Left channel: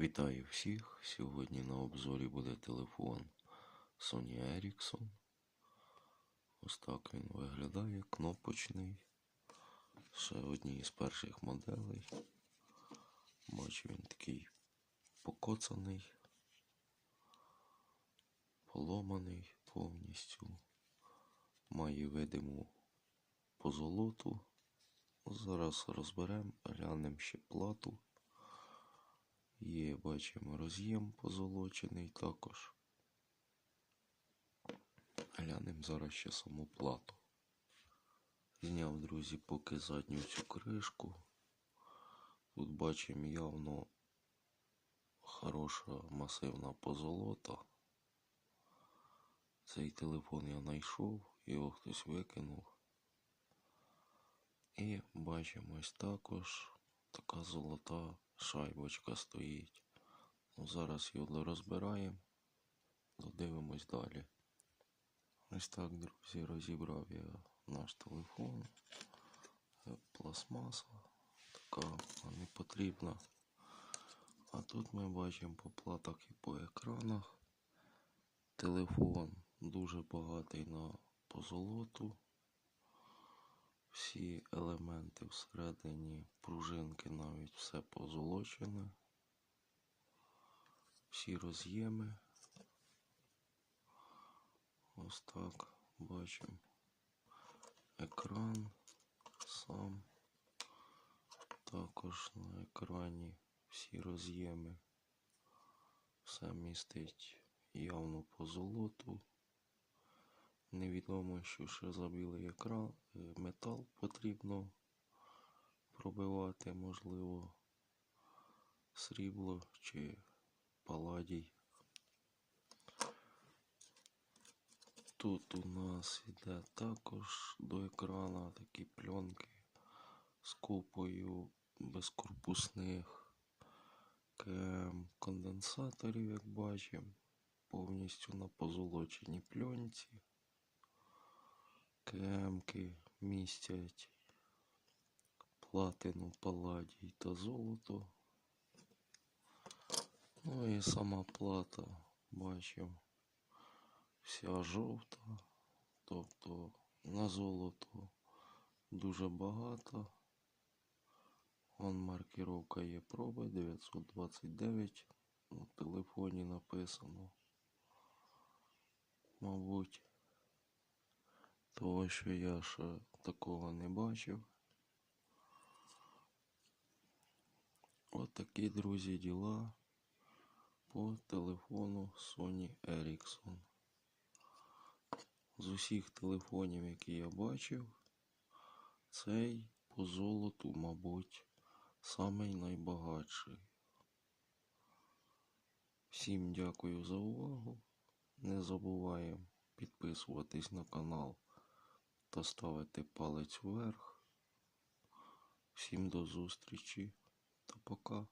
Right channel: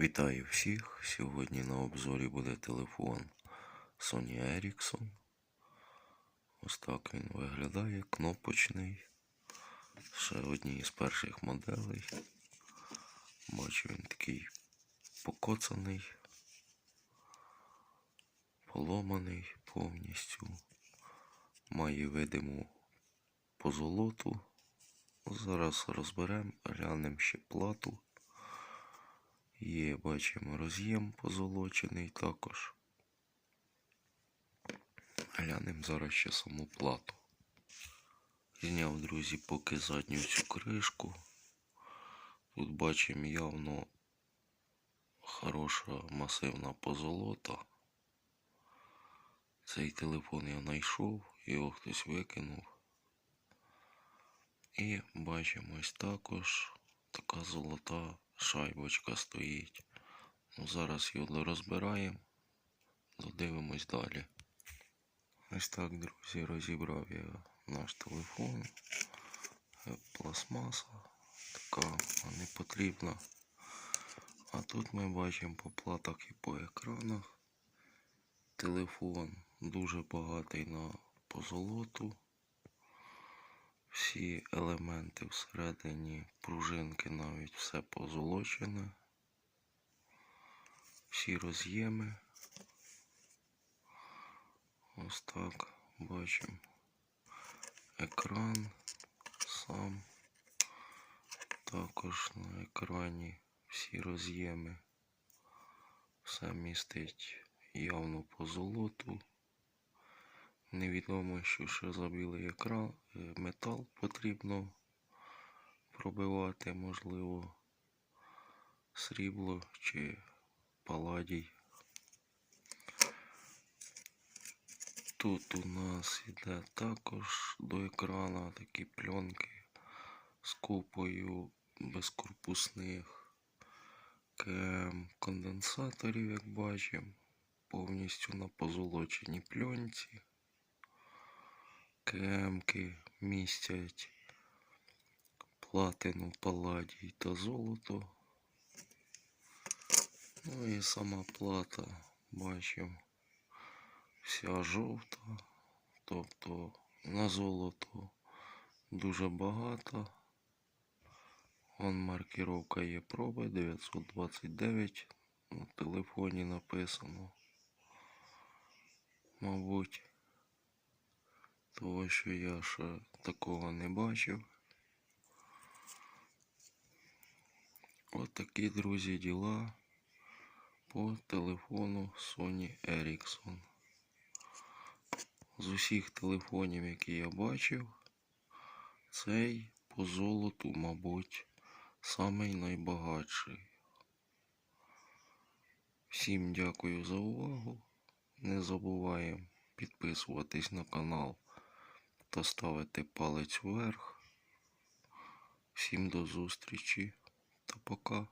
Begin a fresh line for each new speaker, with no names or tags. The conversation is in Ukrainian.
Вітаю всіх! Сьогодні на обзорі буде телефон Sony Ericsson. Ось так він виглядає, кнопочний. Ще одній із перших моделей. Бачу він такий покоцаний, поломаний повністю. Має видиму позолоту. Зараз розберемо, глянемо ще плату. Є, бачимо, роз'єм позолочений також. Глянемо зараз ще саму плату. Зняв, друзі, поки задню цю кришку. Тут бачимо явно хороша масивна позолота. Цей телефон я знайшов, його хтось викинув. І бачимо ось також така золота шайбочка стоїть. Ну, зараз його розбираємо, додивимось далі. Ось так, друзі, розібрав я наш телефон. Е, Пластмаса така не потрібна. А тут ми бачимо по платах і по екранах. Телефон дуже багатий на позолоту. Всі елементи всередині пружинки навіть все позолочене. Всі роз'єми. Ось так бачимо. Екран сам. Також на екрані всі роз'єми. Все містить явно позолоту. Невідомо, що ще за білий екран е, метал потрібно пробивати, можливо, срібло чи паладій. Тут у нас іде також до екрана такі пленки з купою безкорпусних конденсаторів, як бачимо, повністю на позолоченій пленці. Кремки містять платину, паладій та золото. Ну і сама плата, бачимо, вся жовта, тобто на золото дуже багато. Вон маркировка є проби 929. На телефоні написано. Мабуть. Того, що я ще такого не бачив. От такі, друзі, діла по телефону Sony Ericsson. З усіх телефонів, які я бачив, цей по золоту, мабуть, самий найбагатший. Всім дякую за увагу. Не забуваємо підписуватись на канал та ставити палець вверх. Всім до зустрічі та пока.